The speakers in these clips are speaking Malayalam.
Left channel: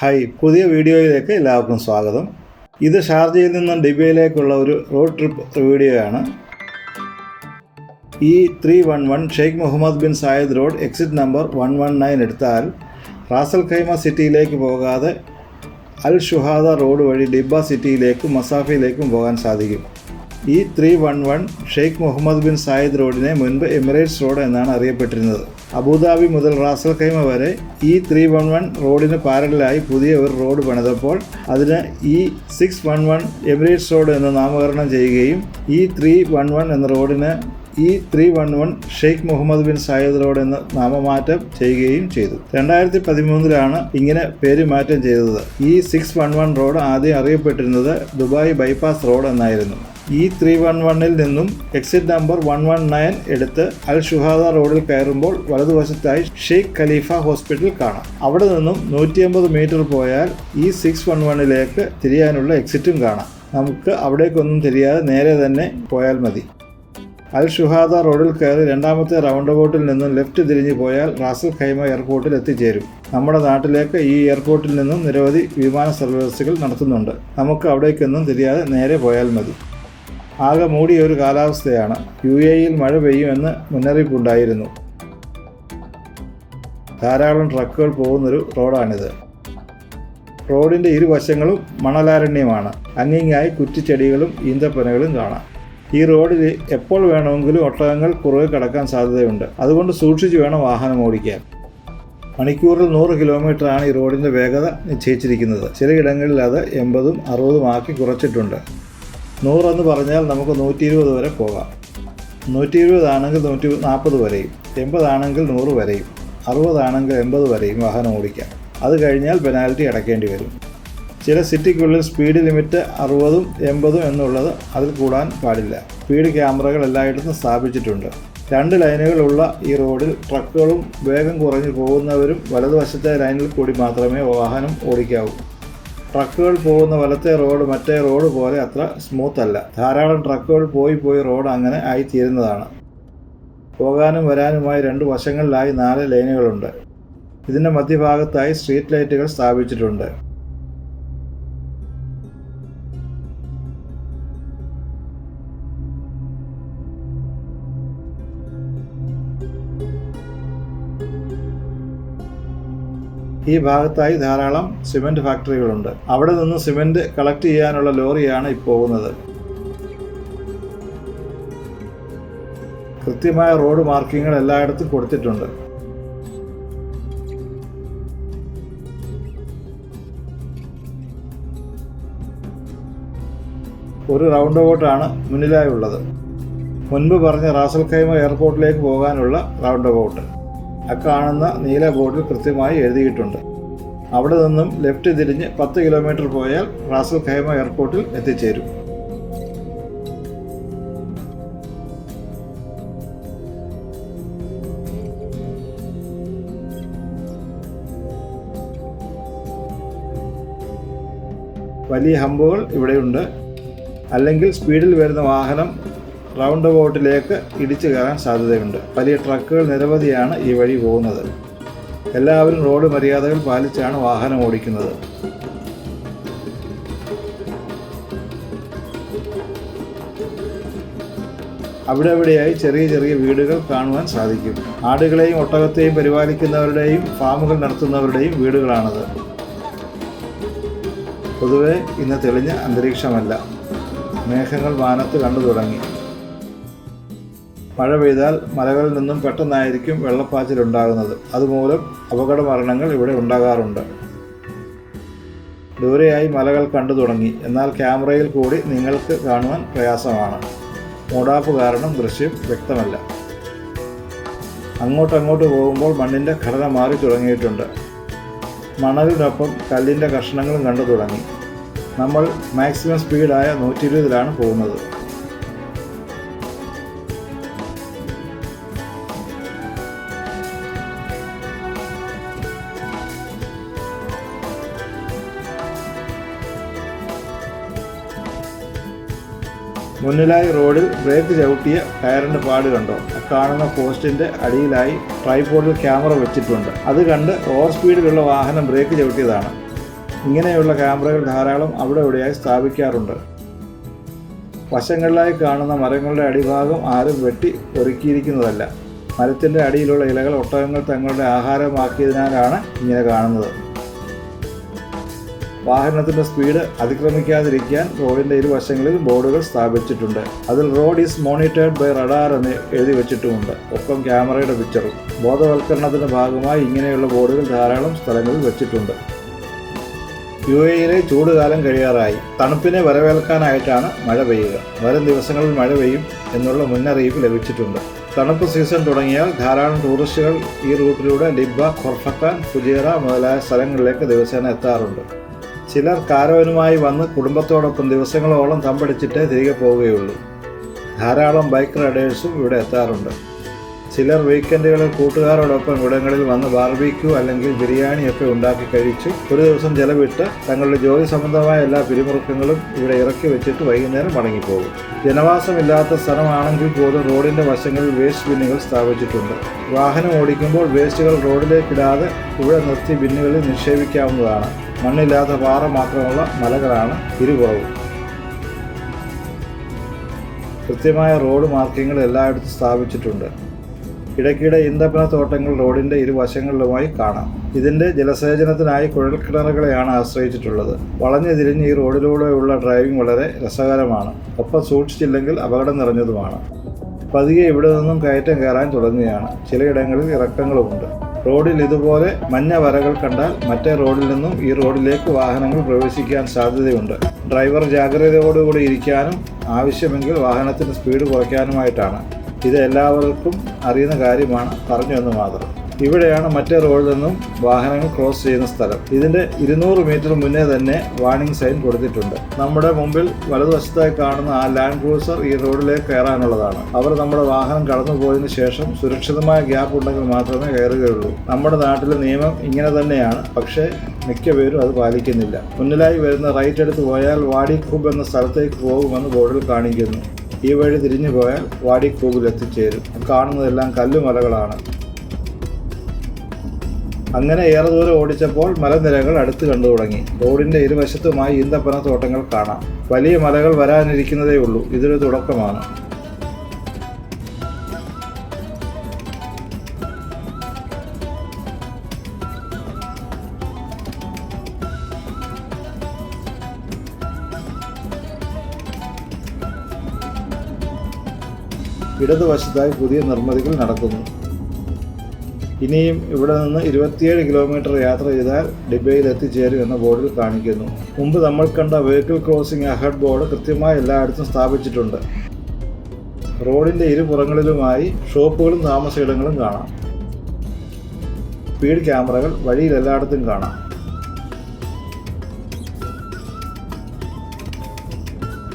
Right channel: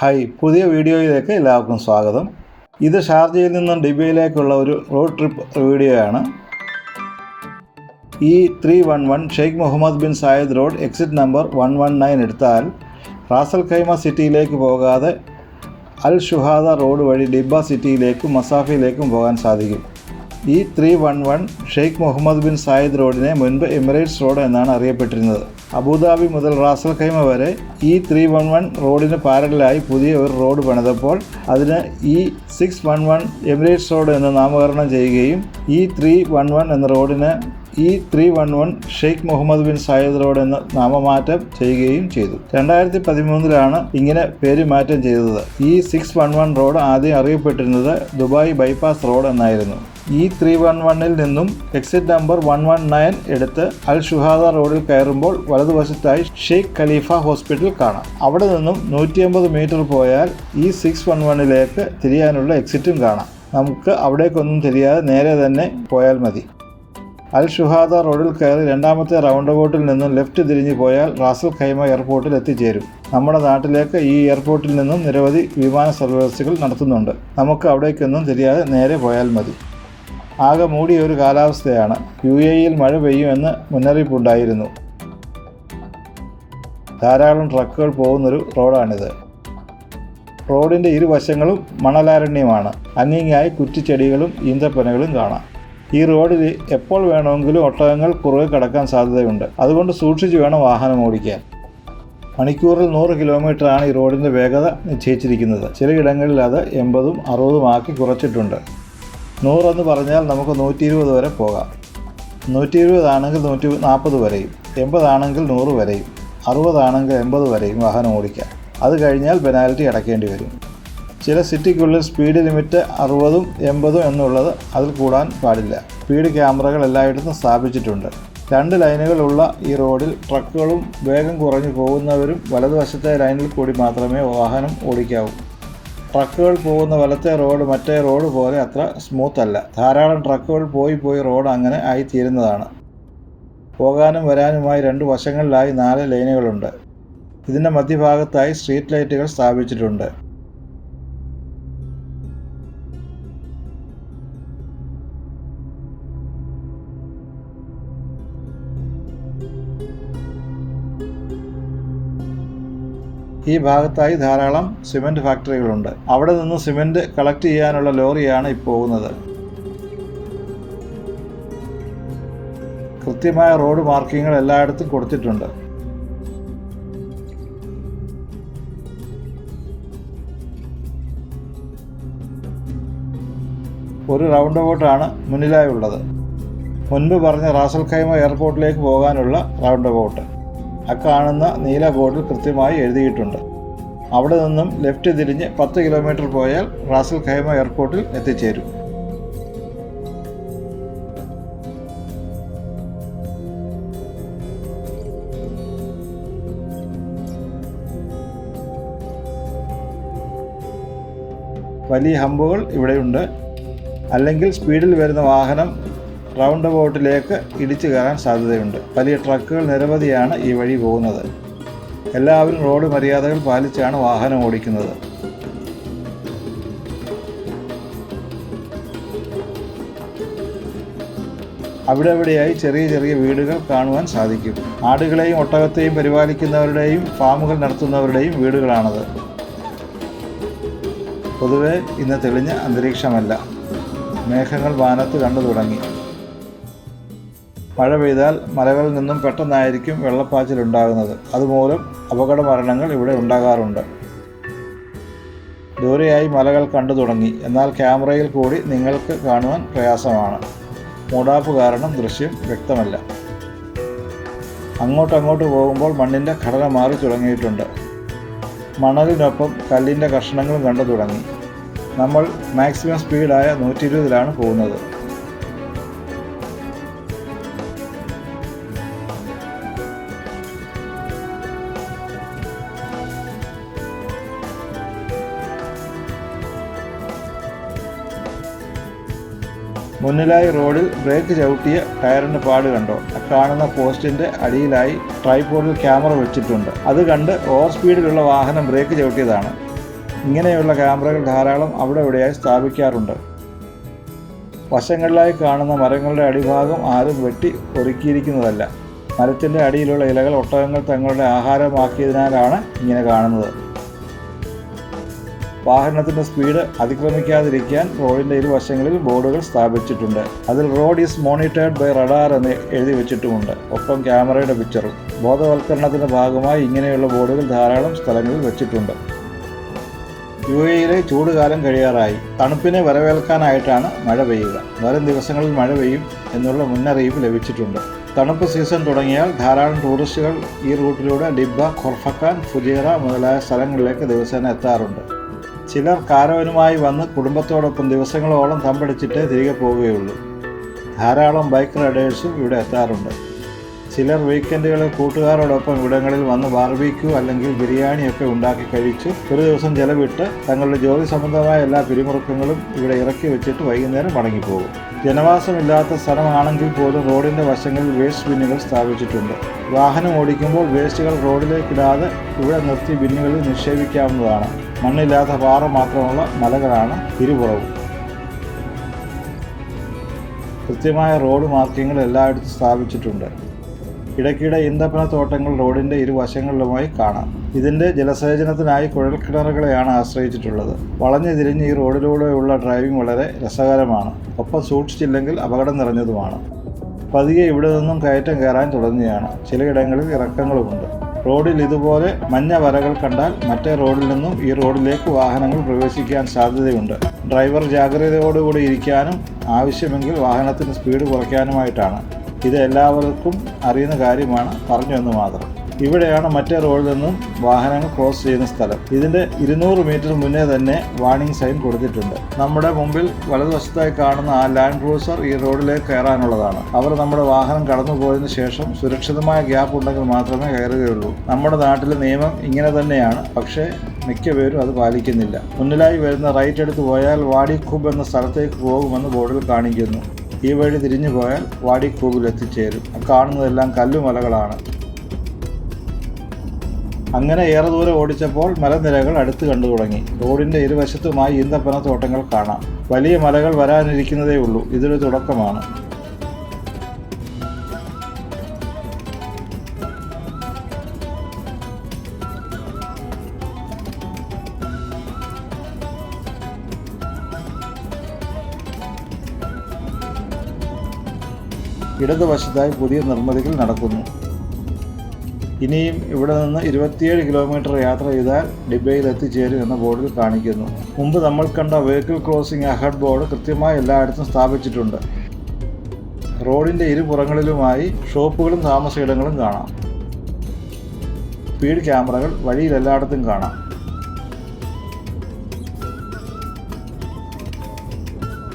ഹായ്, പുതിയ വീഡിയോയിലേക്ക് എല്ലാവർക്കും സ്വാഗതം. ഇത് ഷാർജയിൽ നിന്നും ഡിബയിലേക്കുള്ള ഒരു റോഡ് ട്രിപ്പ് വീഡിയോയാണ്. E311 Sheikh Mohammed bin Zayed road exit number 119 എടുത്താൽ റാസൽ ഖൈമ സിറ്റിയിലേക്ക് പോകാതെ അൽ ഷുഹാദ റോഡ് വഴി ഡിബ സിറ്റിയിലേക്കും മസാഫയിലേക്കും പോകാൻ സാധിക്കും. E311 Sheikh Mohammed bin Zayed റോഡിനെ മുൻപ് എമിറേറ്റ്സ് റോഡ് എന്നാണ് അറിയപ്പെട്ടിരുന്നത്. അബുദാബി മുതൽ റാസൽ ഖൈമ വരെ E311 റോഡിന് പാരലലായി പുതിയ ഒരു റോഡ് പണിതപ്പോൾ അതിന് E611 എമിറേറ്റ്സ് റോഡ് എന്ന് നാമകരണം ചെയ്യുകയും E311 എന്ന റോഡിന് E311 Sheikh Mohammed bin Zayed road എന്ന് നാമമാറ്റം ചെയ്യുകയും ചെയ്തു. 2013 ഇങ്ങനെ പേരുമാറ്റം ചെയ്തത്. E611 റോഡ് ആദ്യം അറിയപ്പെട്ടിരുന്നത് ദുബായ് ബൈപ്പാസ് റോഡ് എന്നായിരുന്നു. E311 നിന്നും എക്സിറ്റ് നമ്പർ 119 എടുത്ത് അൽ ഷുഹാദ റോഡിൽ കയറുമ്പോൾ വലതുവശത്തായി ഷെയ്ഖ് ഖലീഫ ഹോസ്പിറ്റൽ കാണാം. അവിടെ നിന്നും 150 മീറ്റർ പോയാൽ E611 തിരിയാനുള്ള എക്സിറ്റും കാണാം. നമുക്ക് അവിടേക്കൊന്നും തിരിയാതെ നേരെ തന്നെ പോയാൽ മതി. അൽ ഷുഹാദ റോഡിൽ കയറി രണ്ടാമത്തെ റൗണ്ട് അബൌട്ടിൽ നിന്നും ലെഫ്റ്റ് തിരിഞ്ഞു പോയാൽ റാസൽ ഖൈമ എയർപോർട്ടിൽ എത്തിച്ചേരും. നമ്മുടെ നാട്ടിലേക്ക് ഈ എയർപോർട്ടിൽ നിന്നും നിരവധി വിമാന സർവീസുകൾ നടത്തുന്നുണ്ട്. നമുക്ക് അവിടേക്കൊന്നും തിരിയാതെ നേരെ പോയാൽ മതി. ആകെ മൂടിയ ഒരു കാലാവസ്ഥയാണ്. UAEയിൽ മഴ പെയ്യുമെന്ന് മുന്നറിയിപ്പുണ്ടായിരുന്നു. ധാരാളം ട്രക്കുകൾ പോകുന്നൊരു റോഡാണിത്. റോഡിൻ്റെ ഇരുവശങ്ങളും മണലാരണ്യമാണ്. അങ്ങിങ്ങായി കുറ്റിച്ചെടികളും ഈന്തപ്പനകളും കാണാം. ഈ റോഡിൽ എപ്പോൾ വേണമെങ്കിലും ഒട്ടകങ്ങൾ കുറുകെ കടക്കാൻ സാധ്യതയുണ്ട്. അതുകൊണ്ട് സൂക്ഷിച്ച് വേണം വാഹനം ഓടിക്കാൻ. മണിക്കൂറിൽ 100 കിലോമീറ്ററാണ് ഈ റോഡിൻ്റെ വേഗത നിശ്ചയിച്ചിരിക്കുന്നത്. ചിലയിടങ്ങളിൽ അത് 80ഉം 60ഉം ആക്കി കുറച്ചിട്ടുണ്ട്. 100 എന്ന് പറഞ്ഞാൽ നമുക്ക് 120 വരെ പോകാം. 120 ആണെങ്കിൽ 140 വരെയും, 80 ആണെങ്കിൽ 100 വരെയും, 60 ആണെങ്കിൽ 80 വരെയും വാഹനം ഓടിക്കാം. അത് കഴിഞ്ഞാൽ പെനാൽറ്റി അടയ്ക്കേണ്ടി വരും. ചില സിറ്റിക്കുള്ളിൽ സ്പീഡ് ലിമിറ്റ് 60ഉം 80ഉം എന്നുള്ളത് അതിൽ കൂടാൻ പാടില്ല. സ്പീഡ് ക്യാമറകൾ എല്ലായിടത്തും സ്ഥാപിച്ചിട്ടുണ്ട്. 2 ലൈനുകളുള്ള ഈ റോഡിൽ ട്രക്കുകളും വേഗം കുറഞ്ഞു പോകുന്നവരും വലതുവശത്തെ ലൈനിൽ കൂടി മാത്രമേ വാഹനം ഓടിക്കാവൂ. ട്രക്കുകൾ പോകുന്ന വലത്തെ റോഡ് മറ്റേ റോഡ് പോലെ അത്ര സ്മൂത്ത് അല്ല. ധാരാളം ട്രക്കുകൾ പോയി റോഡ് അങ്ങനെ ആയിത്തീരുന്നതാണ്. പോകാനും വരാനുമായി 2 വശങ്ങളിലായി 4 ലൈനുകളുണ്ട്. ഇതിൻ്റെ മധ്യഭാഗത്തായി സ്ട്രീറ്റ് ലൈറ്റുകൾ സ്ഥാപിച്ചിട്ടുണ്ട്. ഈ ഭാഗത്തായി ധാരാളം സിമൻറ്റ് ഫാക്ടറികളുണ്ട്. അവിടെ നിന്ന് സിമൻറ്റ് കളക്ട് ചെയ്യാനുള്ള ലോറിയാണ് ഇപ്പോൾ പോകുന്നത്. കൃത്യമായ റോഡ് മാർക്കിങ്ങുകൾ എല്ലായിടത്തും കൊടുത്തിട്ടുണ്ട്. ഒരു റൗണ്ട് അബൌട്ടാണ് മുന്നിലായുള്ളത്. മുൻപ് പറഞ്ഞ റാസൽ ഖൈമ എയർപോർട്ടിലേക്ക് പോകാനുള്ള റൗണ്ട് അബൌട്ട്. കാണുന്ന നീല ബോർഡിൽ കൃത്യമായി എഴുതിയിട്ടുണ്ട്. അവിടെ നിന്നും ലെഫ്റ്റ് തിരിഞ്ഞ് 10 കിലോമീറ്റർ പോയാൽ റാസൽ ഖൈമ എയർപോർട്ടിൽ എത്തിച്ചേരും. വലിയ ഹമ്പുകൾ ഇവിടെയുണ്ട്. അല്ലെങ്കിൽ സ്പീഡിൽ വരുന്ന വാഹനം റൗണ്ട് അബൌട്ടിലേക്ക് ഇടിച്ചു കയറാൻ സാധ്യതയുണ്ട്. വലിയ ട്രക്കുകൾ നിരവധിയാണ് ഈ വഴി പോകുന്നത്. എല്ലാവരും റോഡ് മര്യാദകൾ പാലിച്ചാണ് വാഹനം ഓടിക്കുന്നത്. അവിടെയായി ചെറിയ വീടുകൾ കാണുവാൻ സാധിക്കും. ആടുകളെയും ഒട്ടകത്തെയും പരിപാലിക്കുന്നവരുടെയും ഫാമുകൾ നടത്തുന്നവരുടെയും വീടുകളാണത്. പൊതുവെ ഇന്ന് തെളിഞ്ഞ അന്തരീക്ഷമല്ല. മേഘങ്ങൾ വാനത്ത് കണ്ടു തുടങ്ങി. മഴ പെയ്താൽ മലകളിൽ നിന്നും പെട്ടെന്നായിരിക്കും വെള്ളപ്പാച്ചിലുണ്ടാകുന്നത്. അതുമൂലം അപകട മരണങ്ങൾ ഇവിടെ ഉണ്ടാകാറുണ്ട്. ദൂരെയായി മലകൾ കണ്ടു തുടങ്ങി. എന്നാൽ ക്യാമറയിൽ കൂടി നിങ്ങൾക്ക് കാണുവാൻ പ്രയാസമാണ്. മൂടാപ്പ് കാരണം ദൃശ്യം വ്യക്തമല്ല. അങ്ങോട്ട് പോകുമ്പോൾ മണ്ണിൻ്റെ ഘടന മാറി തുടങ്ങിയിട്ടുണ്ട്. മണലിനൊപ്പം കല്ലിൻ്റെ കഷ്ണങ്ങളും കണ്ടു തുടങ്ങി. നമ്മൾ മാക്സിമം സ്പീഡായ 120 പോകുന്നത്. മുന്നിലായി റോഡിൽ ബ്രേക്ക് ചവിട്ടിയ ടയറിൻ്റെ പാട് കണ്ടോ? കാണുന്ന പോസ്റ്റിൻ്റെ അടിയിലായി ട്രൈപോഡിൽ ക്യാമറ വെച്ചിട്ടുണ്ട്. അത് കണ്ട് ഓവർ സ്പീഡിലുള്ള വാഹനം ബ്രേക്ക് ചവിട്ടിയതാണ്. ഇങ്ങനെയുള്ള ക്യാമറകൾ ധാരാളം അവിടെ ഇവിടെയായി സ്ഥാപിക്കാറുണ്ട്. വശങ്ങളിലായി കാണുന്ന മരങ്ങളുടെ അടിഭാഗം ആരും വെട്ടി ഒരുക്കിയിരിക്കുന്നതല്ല. മരത്തിൻ്റെ അടിയിലുള്ള ഇലകൾ ഒട്ടകങ്ങൾ തങ്ങളുടെ ആഹാരമാക്കിയതിനാലാണ് ഇങ്ങനെ കാണുന്നത്. വാഹനത്തിൻ്റെ സ്പീഡ് അതിക്രമിക്കാതിരിക്കാൻ റോഡിൻ്റെ ഇരുവശങ്ങളിൽ ബോർഡുകൾ സ്ഥാപിച്ചിട്ടുണ്ട്. അതിൽ road is monitored by radar എന്ന് എഴുതി വെച്ചിട്ടുമുണ്ട്. ഒപ്പം ക്യാമറയുടെ പിക്ചറും. ബോധവൽക്കരണത്തിൻ്റെ ഭാഗമായി ഇങ്ങനെയുള്ള ബോർഡുകൾ ധാരാളം സ്ഥലങ്ങളിൽ വെച്ചിട്ടുണ്ട്. UAE-യിലെ ചൂടുകാലം കഴിയാറായി. തണുപ്പിനെ വരവേൽക്കാനായിട്ടാണ് മഴ പെയ്യുക. വരും ദിവസങ്ങളിൽ മഴ പെയ്യും എന്നുള്ള മുന്നറിയിപ്പ് ലഭിച്ചിട്ടുണ്ട്. തണുപ്പ് സീസൺ തുടങ്ങിയാൽ ധാരാളം ടൂറിസ്റ്റുകൾ ഈ റൂട്ടിലൂടെ ഡിബ്ബ, ഖൊർഫക്കാൻ, ഫുജൈറ മുതലായ സ്ഥലങ്ങളിലേക്ക് ദിവസേന എത്താറുണ്ട്. ചിലർ കാരവനുമായി വന്ന് കുടുംബത്തോടൊപ്പം ദിവസങ്ങളോളം തമ്പടിച്ചിട്ടേ തിരികെ പോവുകയുള്ളൂ. ധാരാളം ബൈക്ക് റൈഡേഴ്സും ഇവിടെ എത്താറുണ്ട്. ചിലർ വീക്കെൻഡുകളിൽ കൂട്ടുകാരോടൊപ്പം ഇവിടങ്ങളിൽ വന്ന് ബാർബിക്യൂ അല്ലെങ്കിൽ ബിരിയാണിയൊക്കെ ഉണ്ടാക്കി കഴിച്ച് ഒരു ദിവസം ചെലവിട്ട് തങ്ങളുടെ ജോലി സംബന്ധമായ എല്ലാ പിരിമുറുക്കങ്ങളും ഇവിടെ ഇറക്കി വെച്ചിട്ട് വൈകുന്നേരം മടങ്ങിപ്പോകും. ജനവാസമില്ലാത്ത സ്ഥലമാണെങ്കിൽ പോലും റോഡിൻ്റെ വശങ്ങളിൽ വേസ്റ്റ് ബിന്നുകൾ സ്ഥാപിച്ചിട്ടുണ്ട്. വാഹനം ഓടിക്കുമ്പോൾ വേസ്റ്റുകൾ റോഡിലേക്കിടാതെ ഇവിടെ നിർത്തി ബിന്നുകളിൽ നിക്ഷേപിക്കാവുന്നതാണ്. മണ്ണില്ലാത്ത പാറ മാത്രമുള്ള മലകളാണ് ഇരുപുറവും. കൃത്യമായ റോഡ് മാർക്കിങ്ങുകൾ എല്ലായിടത്തും സ്ഥാപിച്ചിട്ടുണ്ട്. ഇടയ്ക്കിടെ ഈന്തപ്പനത്തോട്ടങ്ങൾ റോഡിൻ്റെ ഇരുവശങ്ങളിലുമായി കാണാം. ഇതിൻ്റെ ജലസേചനത്തിനായി കുഴൽക്കിണറുകളെയാണ് ആശ്രയിച്ചിട്ടുള്ളത്. വളഞ്ഞു തിരിഞ്ഞ് ഈ റോഡിലൂടെയുള്ള ഡ്രൈവിംഗ് വളരെ രസകരമാണ്. ഒപ്പം സൂക്ഷിച്ചില്ലെങ്കിൽ അപകടം നിറഞ്ഞതുമാണ്. പതിയെ ഇവിടെ നിന്നും കയറ്റം കയറാൻ തുടങ്ങുകയാണ്. ചിലയിടങ്ങളിൽ ഇറക്കങ്ങളുമുണ്ട്. റോഡിൽ ഇതുപോലെ മഞ്ഞ വരകൾ കണ്ടാൽ മറ്റേ റോഡിൽ നിന്നും ഈ റോഡിലേക്ക് വാഹനങ്ങൾ പ്രവേശിക്കാൻ സാധ്യതയുണ്ട്. ഡ്രൈവർ ജാഗ്രതയോടുകൂടി ഇരിക്കാനും ആവശ്യമെങ്കിൽ വാഹനത്തിന് സ്പീഡ് കുറയ്ക്കാനുമായിട്ടാണ്. ഇത് എല്ലാവർക്കും അറിയുന്ന കാര്യമാണ്, പറഞ്ഞു എന്ന് മാത്രം. ഇവിടെയാണ് മറ്റേ റോഡിൽ നിന്നും വാഹനങ്ങൾ ക്രോസ് ചെയ്യുന്ന സ്ഥലം. ഇതിൻ്റെ 200 മീറ്റർ മുന്നേ തന്നെ വാർണിംഗ് സൈൻ കൊടുത്തിട്ടുണ്ട്. നമ്മുടെ മുമ്പിൽ വലതുവശത്തായി കാണുന്ന ആ ലാൻഡ് ക്രൂസർ ഈ റോഡിലേക്ക് കയറാനുള്ളതാണ്. അവർ നമ്മുടെ വാഹനം കടന്നുപോയതിന് ശേഷം സുരക്ഷിതമായ ഗ്യാപ്പ് ഉണ്ടെങ്കിൽ മാത്രമേ കയറുകയുള്ളൂ. നമ്മുടെ നാട്ടിലെ നിയമം ഇങ്ങനെ തന്നെയാണ്. പക്ഷേ മിക്കപേരും അത് പാലിക്കുന്നില്ല. മുന്നിലായി വരുന്ന റൈറ്റ് എടുത്ത് പോയാൽ വാടി ഖൂബ് എന്ന സ്ഥലത്തേക്ക് പോകുമെന്ന് ബോർഡിൽ കാണിക്കുന്നു. ഈ വഴി തിരിഞ്ഞു പോയാൽ വാടി ഖൂബിൽ എത്തിച്ചേരും. കാണുന്നതെല്ലാം കല്ലുമലകളാണ്. അങ്ങനെ ഏറെ ദൂരം ഓടിച്ചപ്പോൾ മലനിരകൾ അടുത്ത് കണ്ടു തുടങ്ങി. റോഡിൻ്റെ ഇരുവശത്തുമായി ഈന്തപ്പനത്തോട്ടങ്ങൾ കാണാം. വലിയ മലകൾ വരാനിരിക്കുന്നതേ ഉള്ളൂ. ഇതൊരു തുടക്കമാണ്. ഇടതുവശത്തായി പുതിയ നിർമ്മിതികൾ നടക്കുന്നു. ഇനിയും ഇവിടെ നിന്ന് 27 കിലോമീറ്റർ യാത്ര ചെയ്താൽ ഡിബയിൽ എത്തിച്ചേരും എന്ന ബോർഡിൽ കാണിക്കുന്നു. മുമ്പ് നമ്മൾ കണ്ട വെഹിക്കിൾ ക്രോസിംഗ് അഹെഡ് ബോർഡ് കൃത്യമായി എല്ലായിടത്തും സ്ഥാപിച്ചിട്ടുണ്ട്. റോഡിൻ്റെ ഇരുപുറങ്ങളിലുമായി ഷോപ്പുകളും താമസയിടങ്ങളും കാണാം. സ്പീഡ് ക്യാമറകൾ വഴിയിൽ എല്ലായിടത്തും കാണാം.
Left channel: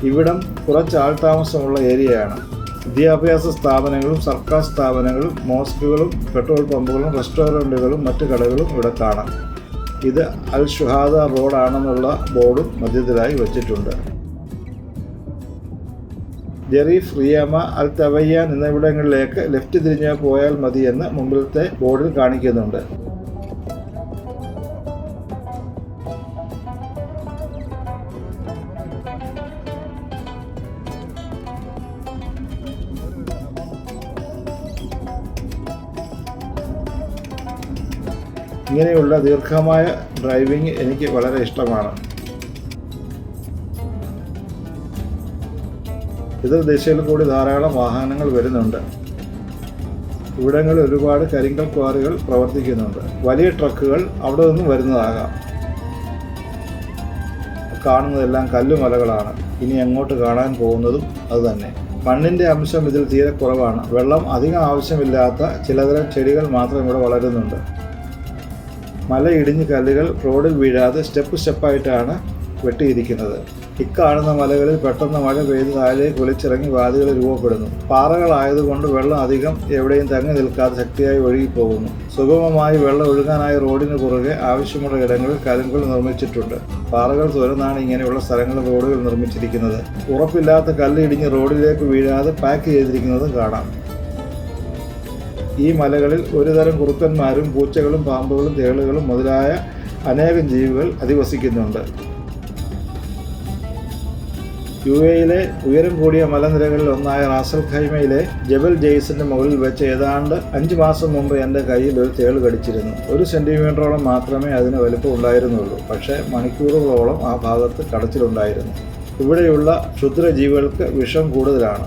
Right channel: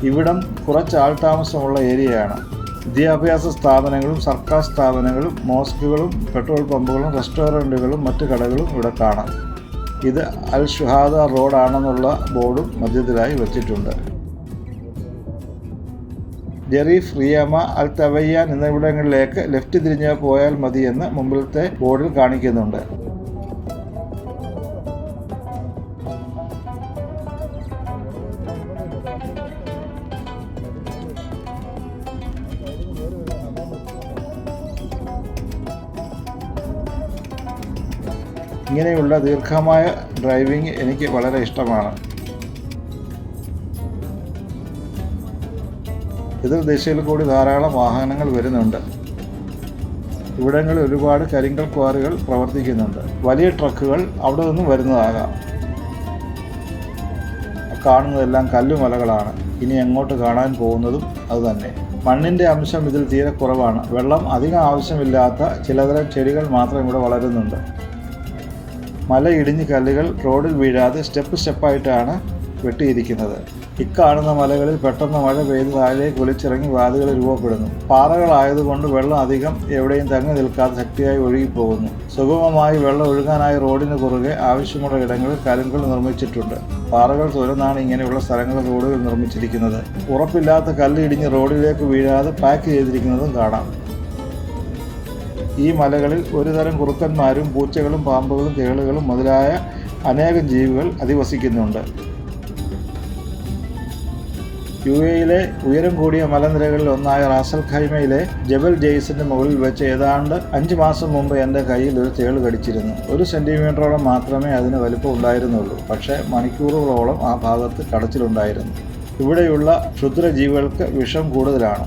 ഇവിടം കുറച്ച് ആൾതാമസമുള്ള ഏരിയയാണ്. വിദ്യാഭ്യാസ സ്ഥാപനങ്ങളും സർക്കാർ സ്ഥാപനങ്ങളും മോസ്കുകളും പെട്രോൾ പമ്പുകളും റെസ്റ്റോറൻറ്റുകളും മറ്റു കടകളും ഇവിടെ കാണാം. ഇത് അൽ ഷുഹാദ റോഡാണെന്നുള്ള ബോർഡും മധ്യത്തിലായി വച്ചിട്ടുണ്ട്. ജെറീഫ്, റിയാമ, അൽ തവയ്യാൻ എന്നിവിടങ്ങളിലേക്ക് ലെഫ്റ്റ് തിരിഞ്ഞ് പോയാൽ മതിയെന്ന് മുമ്പിലത്തെ ബോർഡിൽ കാണിക്കുന്നുണ്ട്. ഇങ്ങനെയുള്ള ദീർഘമായ ഡ്രൈവിംഗ് എനിക്ക് വളരെ ഇഷ്ടമാണ്. എതിർ ദിശയിൽ കൂടി ധാരാളം വാഹനങ്ങൾ വരുന്നുണ്ട്. ഇവിടങ്ങളിൽ ഒരുപാട് കരിങ്കൽ ക്വാറികൾ പ്രവർത്തിക്കുന്നുണ്ട്. വലിയ ട്രക്കുകൾ അവിടെ നിന്നും വരുന്നതാകാം. കാണുന്നതെല്ലാം കല്ലുമലകളാണ്. ഇനി അങ്ങോട്ട് കാണാൻ പോകുന്നതും അതുതന്നെ. മണ്ണിൻ്റെ അംശം ഇതിൽ തീരെ കുറവാണ്. വെള്ളം അധികം ആവശ്യമില്ലാത്ത ചിലതരം ചെടികൾ മാത്രം ഇവിടെ വളരുന്നുണ്ട്. മലയിടിഞ്ഞ് കല്ലുകൾ റോഡിൽ വീഴാതെ സ്റ്റെപ്പായിട്ടാണ് വെട്ടിയിരിക്കുന്നത്. ഇക്കാണുന്ന മലകളിൽ പെട്ടെന്ന് മഴ പെയ്ത് താഴേക്ക് ഒലിച്ചിറങ്ങി വാതികൾ രൂപപ്പെടുന്നു. പാറകളായതുകൊണ്ട് വെള്ളം അധികം എവിടെയും തങ്ങി നിൽക്കാതെ ശക്തിയായി ഒഴുകിപ്പോകുന്നു. സുഗമമായി വെള്ളം ഒഴുകാനായി റോഡിന് കുറുകെ ആവശ്യമുള്ള ഇടങ്ങളിൽ കലുങ്കുകൾ നിർമ്മിച്ചിട്ടുണ്ട്. പാറകൾ തുരന്നാണ് ഇങ്ങനെയുള്ള സ്ഥലങ്ങളിൽ റോഡുകൾ നിർമ്മിച്ചിരിക്കുന്നത്. ഉറപ്പില്ലാത്ത കല്ല് ഇടിഞ്ഞ് റോഡിലേക്ക് വീഴാതെ പാക്ക് ചെയ്തിരിക്കുന്നതും കാണാം. ഈ മലകളിൽ ഒരുതരം കുറുക്കന്മാരും പൂച്ചകളും പാമ്പുകളും തേളുകളും മുതലായ അനേകം ജീവികൾ അധിവസിക്കുന്നുണ്ട്. UAE-യിലെ ഉയരം കൂടിയ മലനിരകളിൽ ഒന്നായ റാസൽ ഖൈമയിലെ ജബൽ ജെയ്സിന്റെ മുകളിൽ വെച്ച് ഏതാണ്ട് 5 മാസം മുമ്പ് എൻ്റെ കയ്യിൽ ഒരു തേൾ കടിച്ചിരുന്നു. 1 സെന്റിമീറ്ററോളം മാത്രമേ അതിന് വലുപ്പം ഉണ്ടായിരുന്നുള്ളൂ. പക്ഷേ മണിക്കൂറുകളോളം ആ ഭാഗത്ത് കടച്ചിലുണ്ടായിരുന്നു. ഇവിടെയുള്ള ക്ഷുദ്രജീവികൾക്ക് വിഷം കൂടുതലാണ്.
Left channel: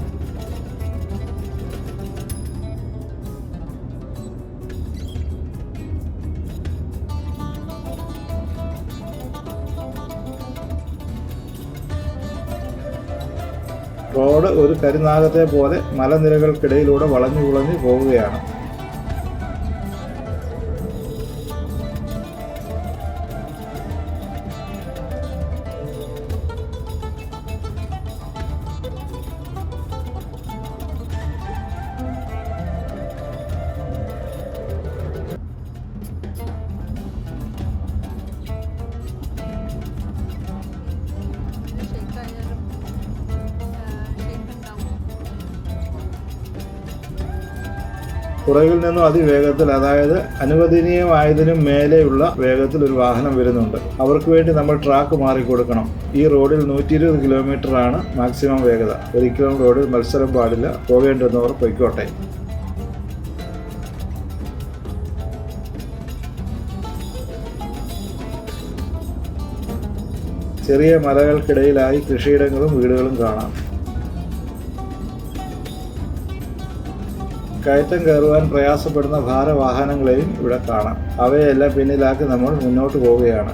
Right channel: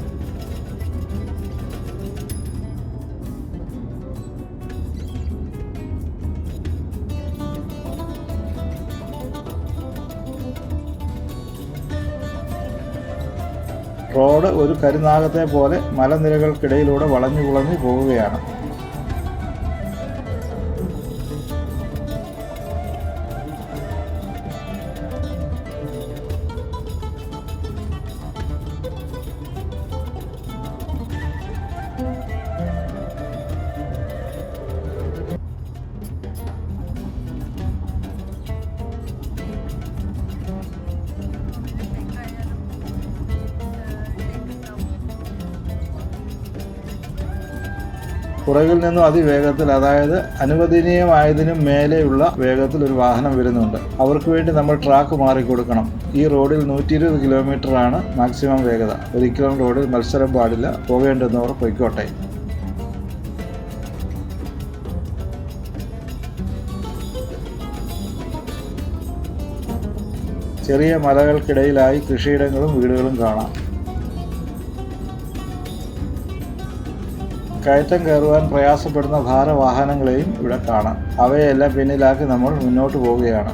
റോഡ് ഒരു കരുനാഗത്തെ പോലെ മലനിരകൾക്കിടയിലൂടെ വളഞ്ഞു പോകുകയാണ്. പുറകിൽ നിന്നും അതിവേഗത്തിൽ, അതായത് അനുവദനീയമായതിനും മേലെയുള്ള വേഗത്തിൽ ഒരു വാഹനം വരുന്നുണ്ട്. അവർക്ക് വേണ്ടി നമ്മൾ ട്രാക്ക് മാറിക്കൊടുക്കണം. ഈ റോഡിൽ 120 കിലോമീറ്ററാണ് മാക്സിമം വേഗത. ഒരിക്കലും റോഡിൽ മത്സരം പാടില്ല. പോകേണ്ടുന്നവർ പൊയ്ക്കോട്ടെ. ചെറിയ മലകൾക്കിടയിലായി കൃഷിയിടങ്ങളും വീടുകളും കാണാം. കയറ്റം കയറുവാൻ പ്രയാസപ്പെടുന്ന ഭാരവാഹനങ്ങളെയും ഇവിടെ കാണാം. അവയെല്ലാം പിന്നിലാക്കി നമ്മൾ മുന്നോട്ട് പോവുകയാണ്.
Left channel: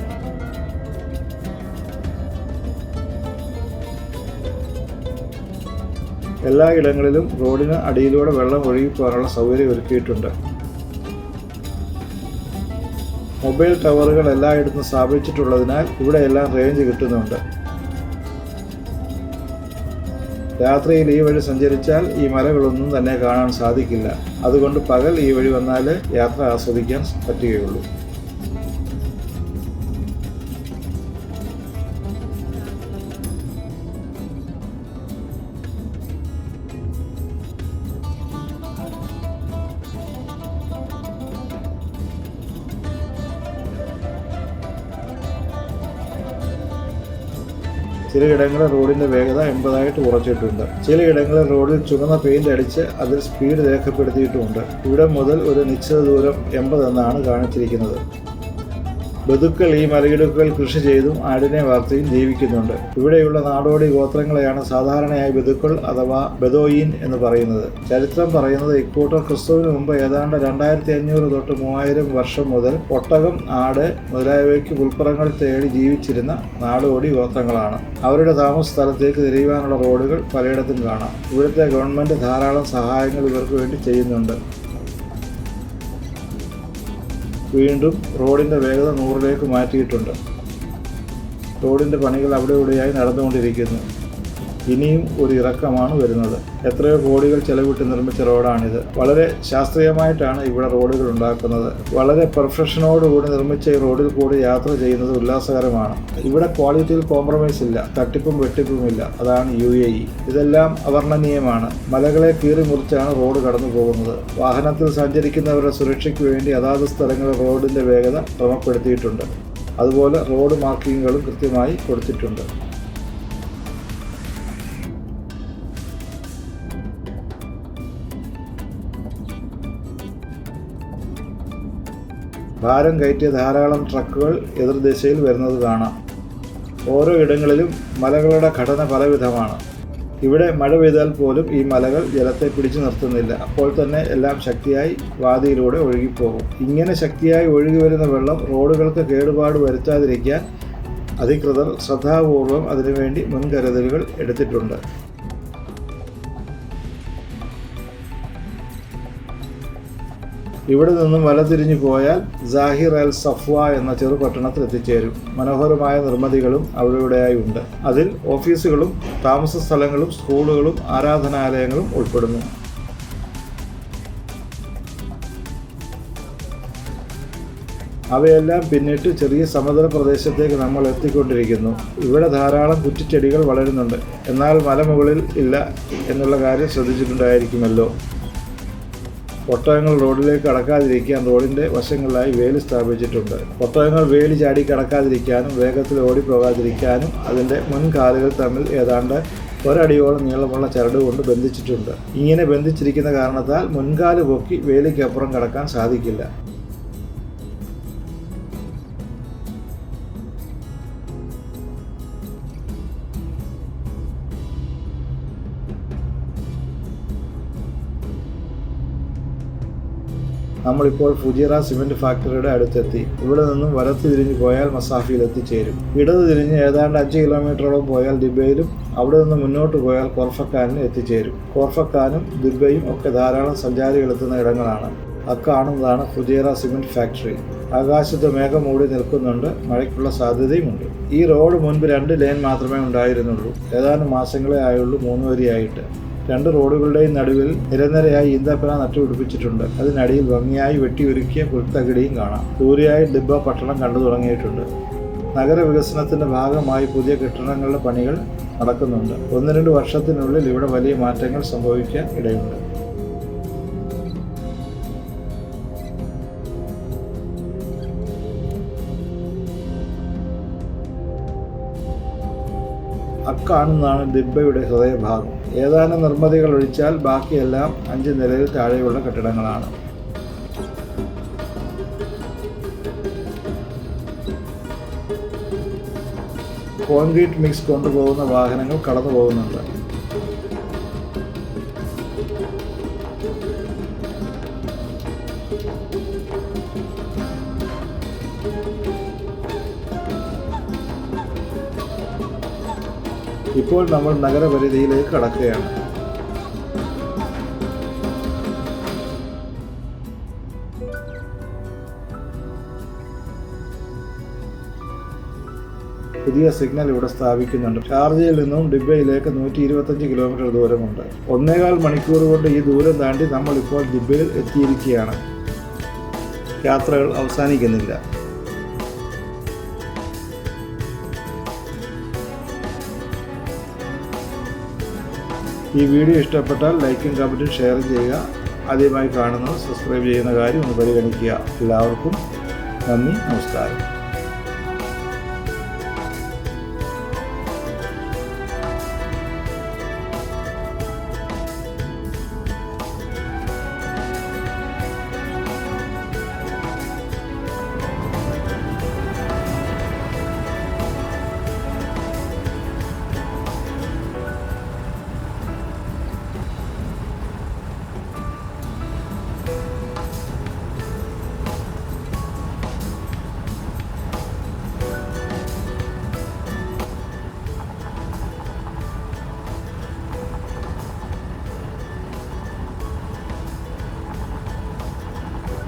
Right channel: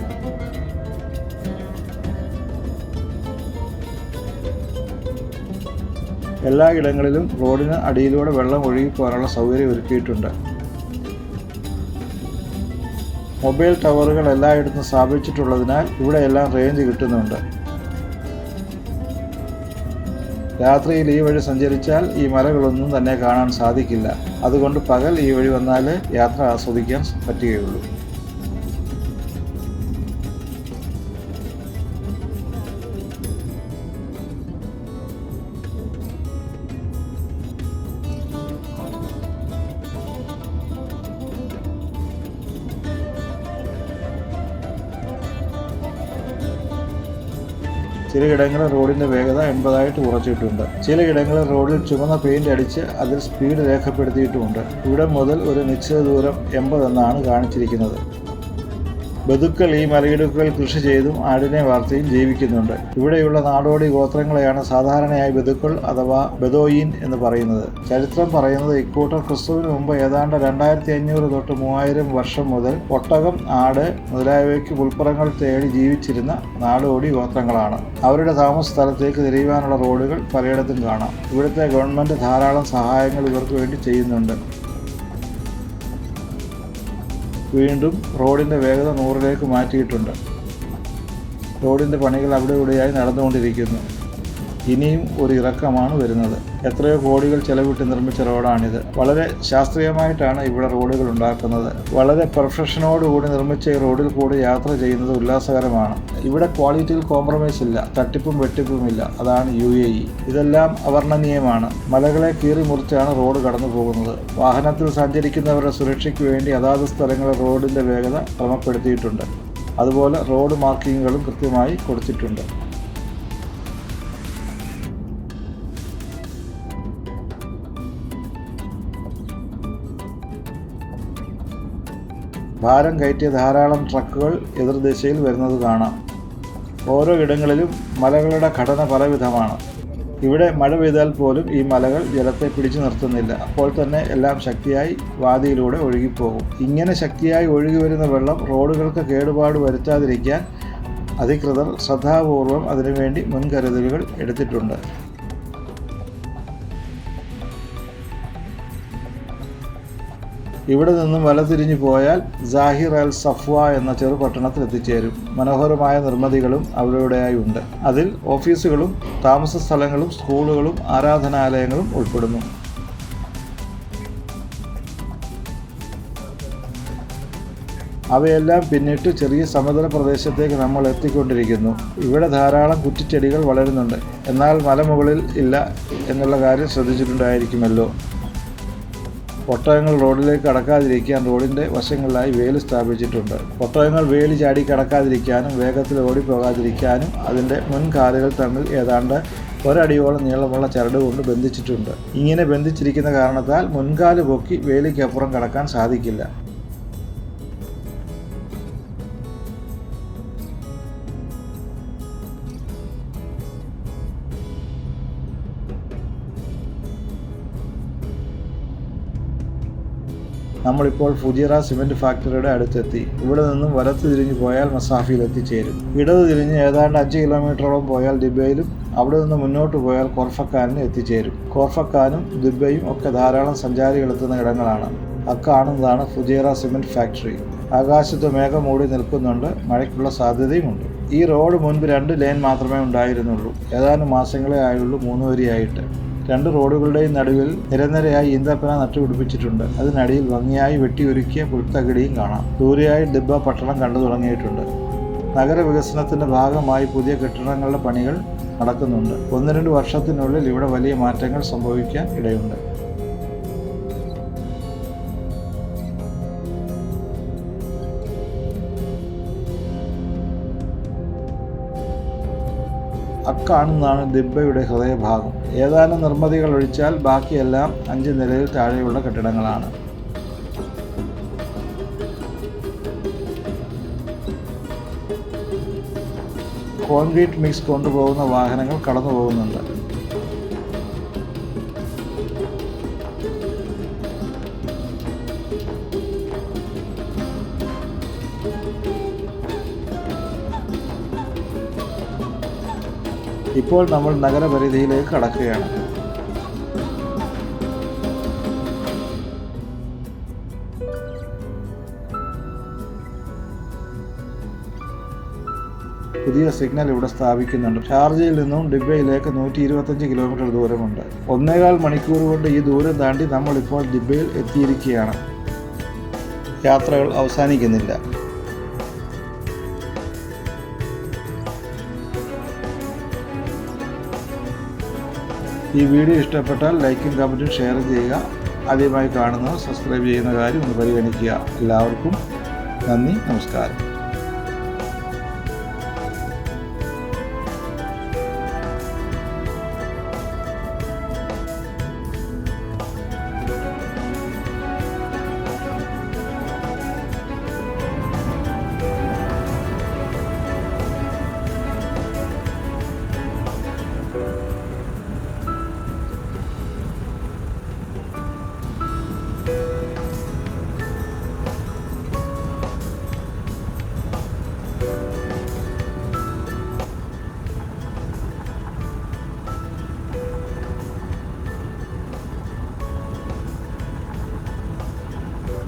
എല്ലാ ഇടങ്ങളിലും റോഡിന് അടിയിലൂടെ വെള്ളം ഒഴുകിപ്പോകാനുള്ള സൗകര്യം ഒരുക്കിയിട്ടുണ്ട്. മൊബൈൽ ടവറുകൾ എല്ലായിടത്തും സ്ഥാപിച്ചിട്ടുള്ളതിനാൽ ഇവിടെയെല്ലാം റേഞ്ച് കിട്ടുന്നുണ്ട്. രാത്രിയിൽ ഈ വഴി സഞ്ചരിച്ചാൽ ഈ മലകളൊന്നും തന്നെ കാണാൻ സാധിക്കില്ല. അതുകൊണ്ട് പകൽ ഈ വഴി വന്നാലേ യാത്ര ആസ്വദിക്കാൻ പറ്റുകയുള്ളൂ. ചിലയിടങ്ങളിൽ റോഡിൻ്റെ വേഗത 80 കുറച്ചിട്ടുണ്ട്. ചിലയിടങ്ങളിൽ റോഡിൽ ചുവന്ന പെയിന്റ് അടിച്ച് അതിൽ സ്പീഡ് രേഖപ്പെടുത്തിയിട്ടുമുണ്ട്. ഇവിടെ മുതൽ ഒരു നിശ്ചിത ദൂരം 80 എന്നാണ് കാണിച്ചിരിക്കുന്നത്. ബദുക്കൾ ഈ മലയിടുക്കുകൾ കൃഷി ചെയ്തും ആടിനെ വളർത്തിയും ജീവിക്കുന്നുണ്ട്. ഇവിടെയുള്ള നാടോടി ഗോത്രങ്ങളെയാണ് സാധാരണയായി ബദുക്കൾ അഥവാ ബദോയിൻ എന്ന് പറയുന്നത്. ചരിത്രം പറയുന്നത് ഇക്കൂട്ടർ ക്രിസ്തുവിന് മുമ്പ് ഏതാണ്ട് 2500 തൊട്ട് 3000 വർഷം മുതൽ ഒട്ടകം, ആട് മുതലായവയ്ക്ക് പുൽപ്പുറങ്ങൾ തേടി ജീവിച്ചിരുന്ന നാടോടി ഗോത്രങ്ങളാണ്. അവരുടെ താമസ സ്ഥലത്തേക്ക് തിരിയുവാനുള്ള റോഡുകൾ പലയിടത്തും കാണാം. ഇവിടുത്തെ ഗവൺമെൻറ് ധാരാളം സഹായങ്ങൾ ഇവർക്ക് വേണ്ടി ചെയ്യുന്നുണ്ട്. വീണ്ടും റോഡിൻ്റെ വേഗത 100ലേക്ക് മാറ്റിയിട്ടുണ്ട്. റോഡിൻ്റെ പണികൾ അവിടെ ഇവിടെയായി നടന്നുകൊണ്ടിരിക്കുന്നു. ഇനിയും ഒരു ഇറക്കമാണ് വരുന്നത്. എത്രയോ കോടികൾ ചെലവിട്ട് നിർമ്മിച്ച റോഡാണിത്. വളരെ ശാസ്ത്രീയമായിട്ടാണ് ഇവിടെ റോഡുകൾ ഉണ്ടാക്കുന്നത്. വളരെ പെർഫെക്ഷനോടുകൂടി നിർമ്മിച്ച ഈ റോഡിൽ കൂടി യാത്ര ചെയ്യുന്നത് ഉല്ലാസകരമാണ്. ഇവിടെ ക്വാളിറ്റിയിൽ കോംപ്രമൈസ് ഇല്ല, തട്ടിപ്പും വെട്ടിപ്പുമില്ല. അതാണ് UAE. ഇതെല്ലാം അവർണ്ണനീയമാണ്. മലകളെ കീറി മുറിച്ചാണ് റോഡ് കടന്നു പോകുന്നത്. വാഹനത്തിൽ സഞ്ചരിക്കുന്നവരുടെ സുരക്ഷയ്ക്ക് വേണ്ടി അതാത് സ്ഥലങ്ങളിൽ റോഡിൻ്റെ വേഗത ക്രമപ്പെടുത്തിയിട്ടുണ്ട്. അതുപോലെ റോഡ് മാർക്കിങ്ങുകളും കൃത്യമായി കൊടുത്തിട്ടുണ്ട്. ഭാരം കയറ്റിയ ധാരാളം ട്രക്കുകൾ എതിർദിശയിൽ വരുന്നത് കാണാം. ഓരോ ഇടങ്ങളിലും മലകളുടെ ഘടന പലവിധമാണ്. ഇവിടെ മഴ പെയ്താൽ പോലും ഈ മലകൾ ജലത്തെ പിടിച്ചു നിർത്തുന്നില്ല. അപ്പോൾ തന്നെ എല്ലാം ശക്തിയായി വാതിയിലൂടെ ഒഴുകിപ്പോകും. ഇങ്ങനെ ശക്തിയായി ഒഴുകി വരുന്ന വെള്ളം റോഡുകൾക്ക് കേടുപാട് വരുത്താതിരിക്കാൻ അധികൃതർ ശ്രദ്ധാപൂർവം അതിനുവേണ്ടി മുൻകരുതലുകൾ എടുത്തിട്ടുണ്ട്. ഇവിടെ നിന്നും വലതിരിഞ്ഞു പോയാൽ സാഹിർ അൽ സഫ്വ എന്ന ചെറുപട്ടണത്തിൽ എത്തിച്ചേരും. മനോഹരമായ നിർമ്മിതികളും അവിടെയായി ഉണ്ട്. അതിൽ ഓഫീസുകളും താമസ സ്ഥലങ്ങളും സ്കൂളുകളും ആരാധനാലയങ്ങളും ഉൾപ്പെടുന്നു. അവയെല്ലാം പിന്നിട്ട് ചെറിയ സമതല പ്രദേശത്തേക്ക് നമ്മൾ എത്തിക്കൊണ്ടിരിക്കുന്നു. ഇവിടെ ധാരാളം കുറ്റിച്ചെടികൾ വളരുന്നുണ്ട്. എന്നാൽ മലമുകളിൽ ഇല്ല എന്നുള്ള കാര്യം ശ്രദ്ധിച്ചിട്ടുണ്ടായിരിക്കുമല്ലോ. ഒട്ടകങ്ങൾ റോഡിലേക്ക് കടക്കാതിരിക്കാൻ റോഡിൻ്റെ വശങ്ങളിലായി വേലി സ്ഥാപിച്ചിട്ടുണ്ട്. ഒട്ടകങ്ങൾ വേലി ചാടി കടക്കാതിരിക്കാനും വേഗത്തിൽ ഓടിപ്പോകാതിരിക്കാനും അതിൻ്റെ മുൻകാലുകൾ തമ്മിൽ ഏതാണ്ട് ഒരടിയോളം നീളമുള്ള ചരട് കൊണ്ട് ബന്ധിച്ചിട്ടുണ്ട്. ഇങ്ങനെ ബന്ധിച്ചിരിക്കുന്ന കാരണത്താൽ മുൻകാല് പൊക്കി വേലിക്കപ്പുറം കടക്കാൻ സാധിക്കില്ല. നമ്മളിപ്പോൾ ഫുജിയറ സിമൻറ്റ് ഫാക്ടറിയുടെ അടുത്തെത്തി. ഇവിടെ നിന്നും വലത്ത് തിരിഞ്ഞ് പോയാൽ മസാഫിയിൽ എത്തിച്ചേരും. ഇടത് തിരിഞ്ഞ് ഏതാണ്ട് 5 കിലോമീറ്ററോളം പോയാൽ ദിബയിലും അവിടെ നിന്ന് മുന്നോട്ട് പോയാൽ കോർഫക്കാനിലും എത്തിച്ചേരും. കോർഫക്കാനും ദിബയും ഒക്കെ ധാരാളം സഞ്ചാരികളെത്തുന്ന ഇടങ്ങളാണ്. അക്കാണുന്നതാണ് ഫുജിയറ സിമൻറ്റ് ഫാക്ടറി. ആകാശത്ത് മേഘം മൂടി നിൽക്കുന്നുണ്ട്. മഴയ്ക്കുള്ള സാധ്യതയുമുണ്ട്. ഈ റോഡ് മുൻപ് 2 ലെയിൻ മാത്രമേ ഉണ്ടായിരുന്നുള്ളൂ. ഏതാനും മാസങ്ങളെ ആയുള്ളൂ 3 വരിയായിട്ട്. 2 റോഡുകളുടെയും നടുവിൽ നിരനിരയായി ഈന്തപ്പന നട്ടുപിടിപ്പിച്ചിട്ടുണ്ട്. അതിനടിയിൽ ഭംഗിയായി വെട്ടിയൊരുക്കിയ പുൽത്തകിടിയും കാണാം. ദൂരെയായി ദിബ്ബ പട്ടണം കണ്ടു തുടങ്ങിയിട്ടുണ്ട്. നഗരവികസനത്തിൻ്റെ ഭാഗമായി പുതിയ കെട്ടിടങ്ങളുടെ പണികൾ നടക്കുന്നുണ്ട്. 1-2 വർഷത്തിനുള്ളിൽ ഇവിടെ വലിയ മാറ്റങ്ങൾ സംഭവിക്കാൻ ഇടയുണ്ട്. അക്കാണുന്നതാണ് ദിബ്ബയുടെ ഹൃദയഭാഗം. ഏതാനും നിർമ്മിതികൾ ഒഴിച്ചാൽ ബാക്കിയെല്ലാം 5 നിലയിൽ താഴെയുള്ള കെട്ടിടങ്ങളാണ്. കോൺക്രീറ്റ് മിക്സ് കൊണ്ടുപോകുന്ന വാഹനങ്ങൾ കടന്നു പോകുന്നുണ്ട്. ഇപ്പോൾ നമ്മൾ നഗരപരിധിയിലേക്ക് കടക്കുകയാണ്. പുതിയ സിഗ്നൽ ഇവിടെ സ്ഥാപിക്കുന്നുണ്ട്. ഷാർജയിൽ നിന്നും ദിബയിലേക്ക് 125 കിലോമീറ്റർ ദൂരമുണ്ട്. 1.25 മണിക്കൂർ കൊണ്ട് ഈ ദൂരം താണ്ടി നമ്മൾ ഇപ്പോൾ ദിബയിൽ എത്തിയിരിക്കുകയാണ്. യാത്രകൾ അവസാനിക്കുന്നില്ല. ഈ വീഡിയോ ഇഷ്ടപ്പെട്ടാൽ ലൈക്കും കമൻറ്റും ഷെയർ ചെയ്യുക. ആദ്യമായി കാണുന്നവർ സബ്സ്ക്രൈബ് ചെയ്യുന്ന കാര്യം ഒന്ന് പരിഗണിക്കുക. എല്ലാവർക്കും നന്ദി, നമസ്കാരം.